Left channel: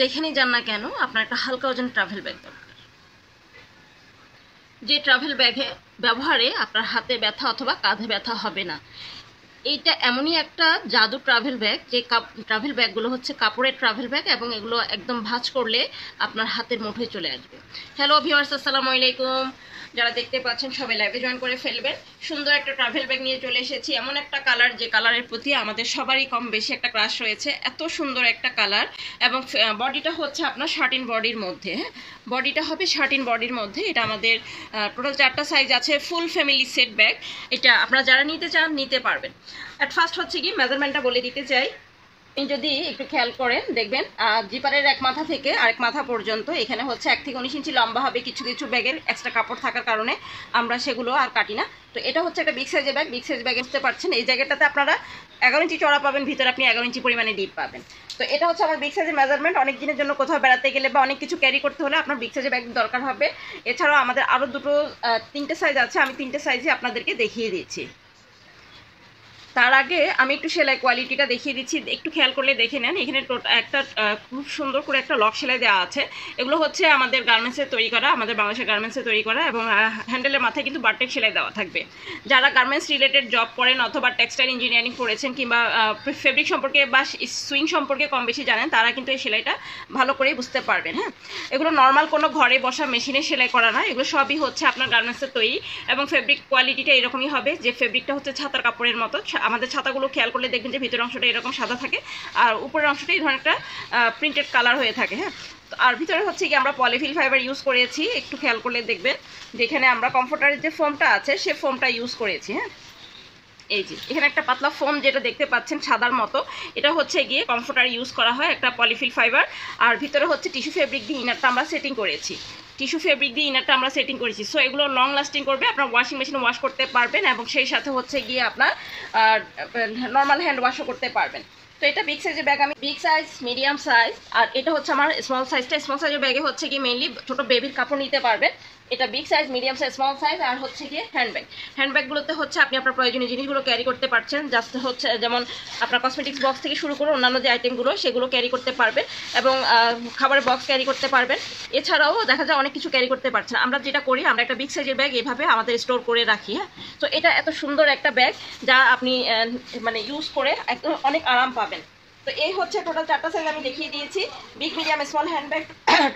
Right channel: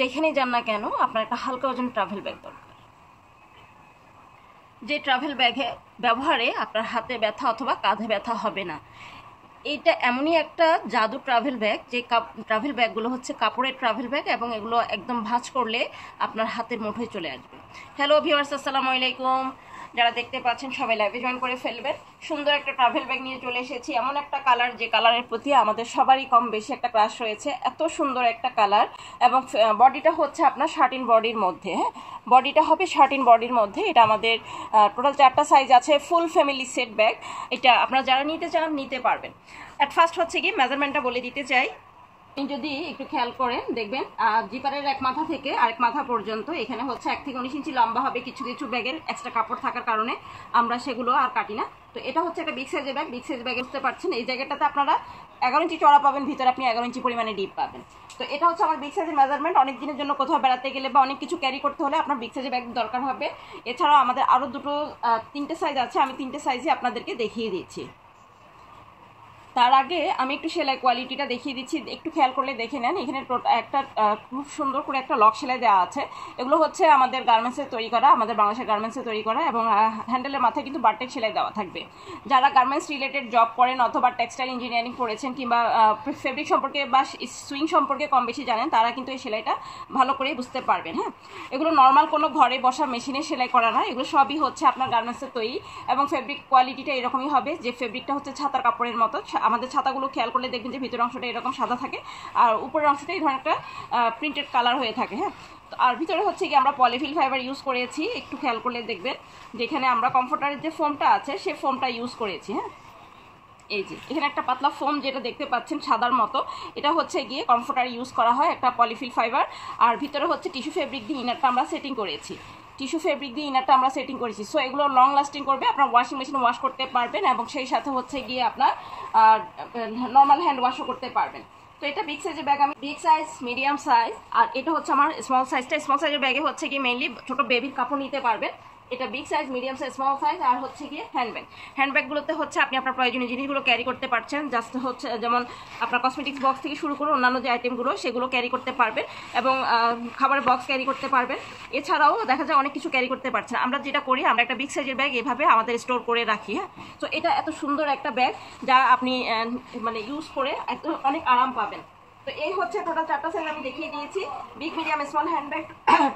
যেখানেই যান না কেন আপনার একটা হালকা ওজন ট্রাভেল ব্যাগ দরকার, যে ট্রাভেল ব্যাগে ব্যবহারে আপনার হাতে ব্যথা অথবা কাঁধে ব্যথা হবে না। এইটা এমনই একটা জাদু ট্রাভেল ব্যাগ, যে ট্রাভেল ব্যাগগুলো হচ্ছে কাপড়ের ট্রাভেল ব্যাগ এবং এগুলো একদম ভাঁজ করলে আপনার হাতের মুঠোয় চলে আসবে। হ্যালো ভিউয়ার্স, আসসালামু আলাইকুম। যারা দেখতে পাচ্ছেন সবাই লাইভে জয়েন করে ফেলবেন। সুন্দর একটা ট্রাভেল ব্যাগ নিয়ে চলে এসেছি, এমন একটা কালার যে কালারের প্রতি আমাদের সবারই কম বেশি একটা ক্রাশ রয়েছে। এত সুন্দর একটা কালার এবং বডিটা হচ্ছে আপনার শার্টিন বডির মধ্যে। হ্যাঁ, বডিটা হবে শার্টিন বডির মধ্যে। এটা আমাদের টোটাল 4টা সাইজ আছে, ফুল ফ্যামিলি সেট ব্যাগ। এটা আপনারা যারা নিতে চান নিতে পারবেন। অ্যাট ফার্স্ট হচ্ছে কি মেজারমেন্টটা বলে দিতে চাই। আপনি যদি একটু খেয়াল করেন দেখবেন জিপারের এক মাথা থেকে আরেক মাথা পর্যন্ত এখানে হচ্ছে 1 থেকে 19 ইঞ্চি লম্বা হবে। কিছু কিছু ব্যাগের এক্সট্রা কাপড় থাকার কারণে আমরা সেগুলো আর কাটি না। তো এটা হচ্ছে একটা বিগ সাইজের ব্যাগ। বিগ সাইজ ব্যাগে বুঝতে পারছেন এই জায়গাটাতে আপনারা 11 ইঞ্চি চড়া পাবেন, ভিতরে আপনি 11 ইঞ্চি পরিমাণে ডিপ পাবেন। তো এটা হচ্ছে আমার বিগ সাইজের মেজারমেন্ট। অনেক দিনের জন্য কোথাও বেড়াতে গেলে বা অনেক কিছু ক্যারি করতে হলে আপনার বিগ সাইজের ব্যাগ দরকার হবে। এছাড়াও আমাদের আরও 3টে সাইজ আছে, আমি 3টে সাইজই আপনাদেরকে দেখিয়ে দিচ্ছি। তার আগে আমি একটু সেলাই কোয়ালিটিটা দেখিয়ে দিচ্ছি, একটু খেয়াল করলে দেখে নেন। এখানে একটা খুব সুন্দর করে একটা লক সেলাই দেওয়া আছে। এগুলো হচ্ছে আমাদের গার্মেন্টসের তৈরি করা, আমাদের বাংলাদেশের গার্মেন্টসে তৈরি করা এবং হ্যান্ডেলের মাথায় কিন্তু বারটেক সেলাই দেওয়া থাকবে। যারা গার্মেন্টস রিলেটেড জব করেন অথবা টেক্সটাইল ইঞ্জিনিয়ারিং পড়েছেন কিংবা ফেব্রিক সম্পর্কে বা সুইং সম্পর্কে কম বেশি জানেন, তারা কিন্তু এই সেলাইটা ভালো করেই বুঝতে পারবেন। হ্যাঁ, এগুলো নর্মাল কোনো ঘরে বসা মেশিনে সেলাই করা না, এগুলো সবই হচ্ছে আপনার গার্মেন্টসের তৈরি এবং ফেব্রিক কোয়ালিটিটা এরকমই হবে যে ফেব্রিকটা হচ্ছে ছাতার কাপড়ের মতো। আমাদের ছাতাগুলো খেয়াল করলে দেখবেন যে ভিতরের অংশটা এরকম সাদা থাকে আর উপরের অংশটা এই ধরনের একটা প্রিন্টেড কালার হয়ে থাকে। হ্যাঁ, আর ভিতরে হচ্ছে কি আমরা পলিফিল ফাইবার ইউজ করেছি। একটু খেয়াল করলে দেখবেন যেখানে আমরা কমফোর্টারের যে ফোমটা আছে সে ফোমটা ইউজ করেছি। হ্যাঁ, এই যে এখানে একটা পাতলা ফোম যেটা দেখতে পাচ্ছেন সাদার মতো, এটা হচ্ছে গিয়ে কমফোর্টার ইউজ করা হয়, একটা পলিফিল ফাইবার। আর ভিতরে হচ্ছে টিস্যু ফেব্রিক দিয়ে ইনারটা আমরা সেটিং করেছি, টিস্যু ফেব্রিক দিয়ে ইনারটা আমরা সেটিং করেছি। সো এগুলো লং লাস্টিং করবে, আপনার ওয়াশিং মেশিনে ওয়াশ করতে পারবেন এবং সেই সাথে হচ্ছে গিয়ে আপনার নর্মাল হ্যান্ড ওয়াশও করতে পারবেন। তো এটা বিগ সাইজের ব্যাগ, আমি বিগ সাইজ, মিডিয়াম সাইজ, আর এটা হচ্ছে আমার স্মল সাইজটা। স্মল সাইজের ব্যাগে হচ্ছে কি মেইনলি ছোটো বেবির কাপড় নিতে পারবেন। এটা big size, medium size, small size. আর হচ্ছে গিয়ে হ্যান্ডব্যাগ। হ্যান্ডব্যাগগুলোতে হচ্ছে আপনি আপনার প্রয়োজনীয় জিনিসগুলো ক্যারি করতে পারছেন। জাস্ট হচ্ছে যেমন আপনার কসমেটিক্স বক্স থেকে শুরু করে অন্যান্য যে আইটেমগুলো সেগুলো ক্যারি করতে পারবেন এবং খাবারের বক্স ক্যারি করতে পারবেন। এছাড়াও দেখা যায় অনেক কিছু ক্যারি করতে পারছেন। আমরা যেটা করি, আমরা একটা বিগ সাইজের ব্যাগ এভাবে আমাদের স্টোর করে রাখি। হ্যাঁ, তো এটা এত সুন্দর একটা ব্যাগ যা আপনি মানে ইউজ করে অনেক আরাম পাবেন। তো এই হচ্ছে টোটাল 4টা সাইজ আমি দেখিয়ে দিয়েছি, big, medium, small handbag.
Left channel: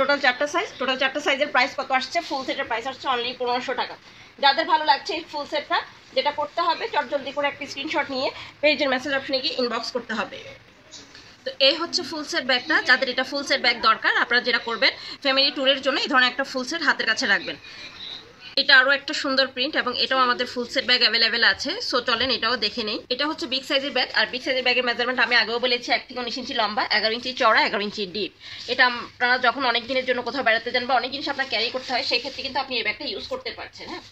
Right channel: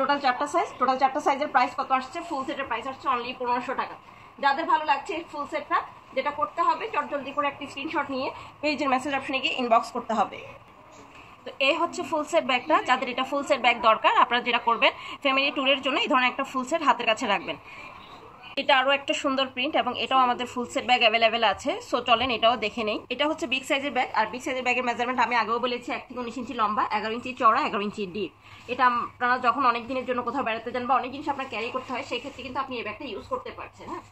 Total 4টা সাইজ। টোটাল 4টা সাইজের প্রাইস কত আসছে? ফুল সেটের প্রাইস আসছে অনলি 1500 টাকা। যাদের ভালো লাগছে এই ফুল সেটটা, যেটা করতে হবে জলদি করে একটা স্ক্রিনশট নিয়ে পেজের মেসেজ অপশনে গিয়ে ইনবক্স করতে হবে। তো এই হচ্ছে ফুল সেট ব্যাগটা। যাদের এটা ফুল সেট ব্যাগ দরকার, আপনারা যেটা করবেন ফ্যামিলি ট্যুরের জন্য এই ধরনের একটা ফুল সেট হাতের কাছে রাখবেন। এটা আরও একটা সুন্দর প্রিন্ট এবং এটাও আমাদের ফুল সেট ব্যাগ অ্যাভেলেবেল আছে। সো চলেন এটাও দেখে নেই। এটা হচ্ছে বিগ সাইজের ব্যাগ। আর বিগ সাইজের ব্যাগের মেজারমেন্ট আমি আগেও বলেছি 1 থেকে 19 ইঞ্চি লম্বা, 11 ইঞ্চি চড়া, 11 ইঞ্চি ডিপ। এটা আপনারা যখন অনেক দিনের জন্য কোথাও বেড়াতে যান বা অনেক জিনিস আপনার ক্যারি করতে হয়, সেক্ষেত্রে কিন্তু আপনি এই ব্যাগটা ইউজ করতে পারছেন। হ্যাঁ,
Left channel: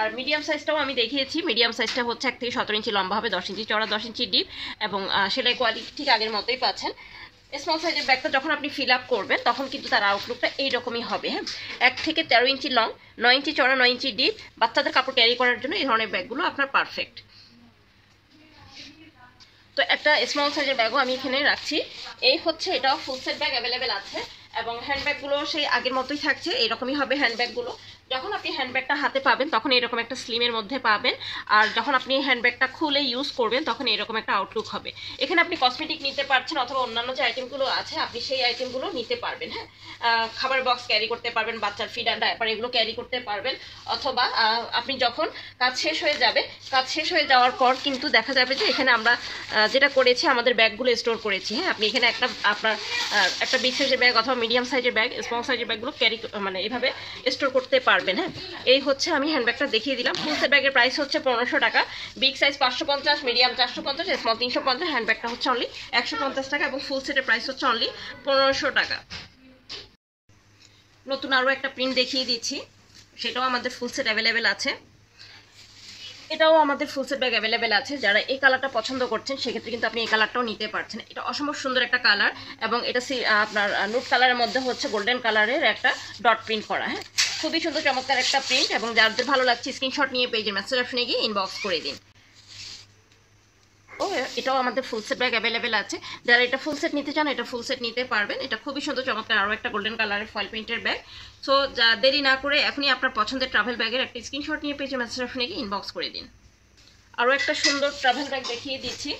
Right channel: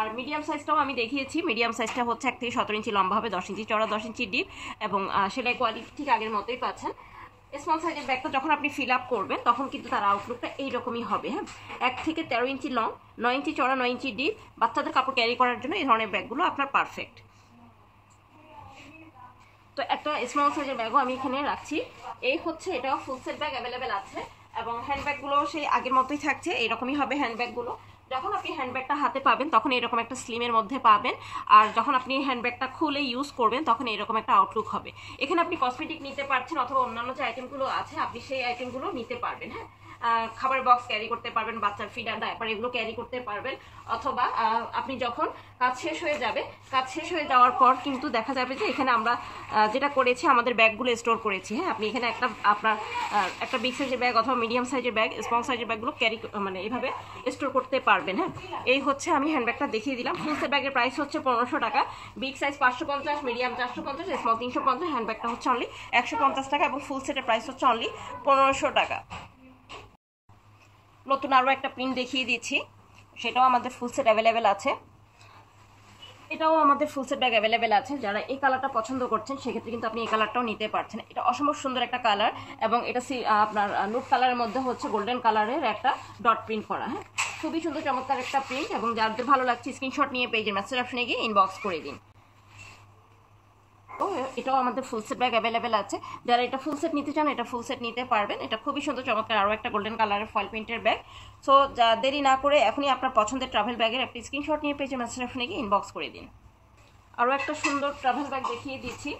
আর মিডিয়াম সাইজটাও আমি দেখিয়েছি। মিডিয়াম সাইজটা হচ্ছে 1 থেকে 17 ইঞ্চি লম্বা হবে, 10 ইঞ্চি চড়া, 10 ইঞ্চি ডিপ এবং সেলাই কোয়ালিটি ঠিক আগের মতোই পাচ্ছেন। স্মল সাইজের ব্যাগটা যখন আপনি ফিল আপ করবেন তখন কিন্তু তার আউটলুকটা এইরকমই হবে। হ্যাঁ, 1 থেকে 13 ইঞ্চি লং, 9 ইঞ্চি চড়া, 9 ইঞ্চি ডিপ। বাচ্চাদের কাপড় ক্যারি করার জন্য এই ধরনের ব্যাগগুলো আপনার পারফেক্ট। তো একটা স্মল সাইজের ব্যাগও আমি এখানে রাখছি। এই হচ্ছে এটাও ফুল সেট ব্যাগ অ্যাভেলেবেল আছে এবং হ্যান্ডব্যাগগুলো সেই আগের মতোই থাকছে, এইরকমই হবে হ্যান্ডব্যাগগুলো। যখন আপনি হ্যান্ডব্যাগটা হাতে পাবেন তখন এরকম একটা স্লিমের মধ্যে পাবেন, আর যখন আপনি হ্যান্ডব্যাগটা খুলে ইউজ করবেন তখন এরকম একটা আউটলুক হবে। এখানে আপনি কসমেটিক নিতে পারছেন অথবা অন্যান্য যে আইটেমগুলো আছে আপনি সেই আইটেমগুলো নিতে পারবেন। হ্যাঁ, খাবার বক্স ক্যারি করতে পারবেন, বাচ্চার ফিড অ্যান্ড ডায়াপার এগুলো ক্যারি করতে পারবেন। অথবা আপনি যখন কাজ শেষ হয়ে যাবে, কাজ শেষ হয়ে যাওয়ার পর কিন্তু দেখা যাবে যে এখানে আমরা যেটা করেছি আমাদের ব্যাগগুলো স্টোর করেছি। হ্যাঁ, আপনি এখানে আপনার একটা বিগ সাইজের ব্যাগ অথবা মিডিয়াম সাইজের ব্যাগ, স্মল সাইজের ব্যাগগুলো ক্যারি মানে এইভাবে স্টোর করতে পারবেন। হ্যাঁ, এই হচ্ছে আমি হ্যান্ডব্যাগটা দেখিয়ে দিলাম। ফুল সেট ব্যাগের প্রাইস হচ্ছে 1500 টাকা, বিগ সাইজ 550, মিডিয়াম 450, স্মল 350, হ্যান্ডব্যাগটা হচ্ছে অনলি 150 টাকা এবং ফুল সেটের প্রাইস হচ্ছে অনলি 1500 টাকা। নতুন আরও একটা প্রিন্ট দেখিয়ে দিচ্ছি, সেটাও আমাদের ফুল সেট অ্যাভেলেবেল আছে। এটাও আমাদের ফুল সেট ব্যাগ অ্যাভেলেবেল আছে। যারা এই কালারটা পছন্দ করছেন সেক্ষেত্রে কিন্তু আপনি এই কালারটাও নিতে পারছেন। এটা অসম্ভব সুন্দর একটা কালার এবং এটা আপনার নুট কালারের মধ্যে হচ্ছে গোল্ডেন কালারের একটা ডট প্রিন্ট করা। হ্যাঁ, খুবই সুন্দর চমৎকার একটা প্রিন্ট এবং যাদের ভালো লাগছে স্ক্রিনশট নিয়ে পেজের মেসেজ অপশনে গিয়ে ইনবক্স করে দিন। এটাও আমাদের ফুল সেট ব্যাগ অ্যাভেলেবেল আছে। যারা এটা ফুল সেট নিতে চান এটা ফুল সেট নিতে পারবেন। এটা খুবই সুন্দর চমৎকার আরও একটা গোল্ডেন কালারের ফয়েল প্রিন্টের ব্যাগ। সো যা দেরি না করে এখনই আপনার পছন্দের ট্রাভেল ব্যাগের একটা স্ক্রিনশট নিয়ে পেজে মেসেজ অপশনে গিয়ে ইনবক্স করে দিন। আরও একটা সুন্দর ট্রাভেল ব্যাগ দেখিয়ে দিচ্ছি।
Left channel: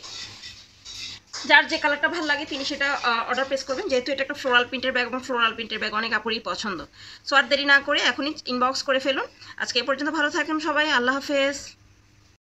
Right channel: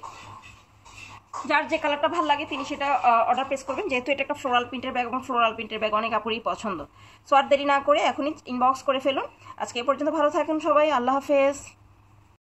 যার যে কালারটা ভালো লাগে তিনি সেটা অর্ডার প্লেস করবেন, যেহেতু এটা একটা ফ্লোরাল প্রিন্টের ব্যাগ এবং ফ্লোরাল প্রিন্টের ব্যাগ অনেক আপুরই পছন্দ। সো আর দেরি না করে এখনই ইনবক্স করে ফেলুন। আজকে এই পর্যন্ত, ভালো থাকেন সবাই, আল্লাহ হাফেজ।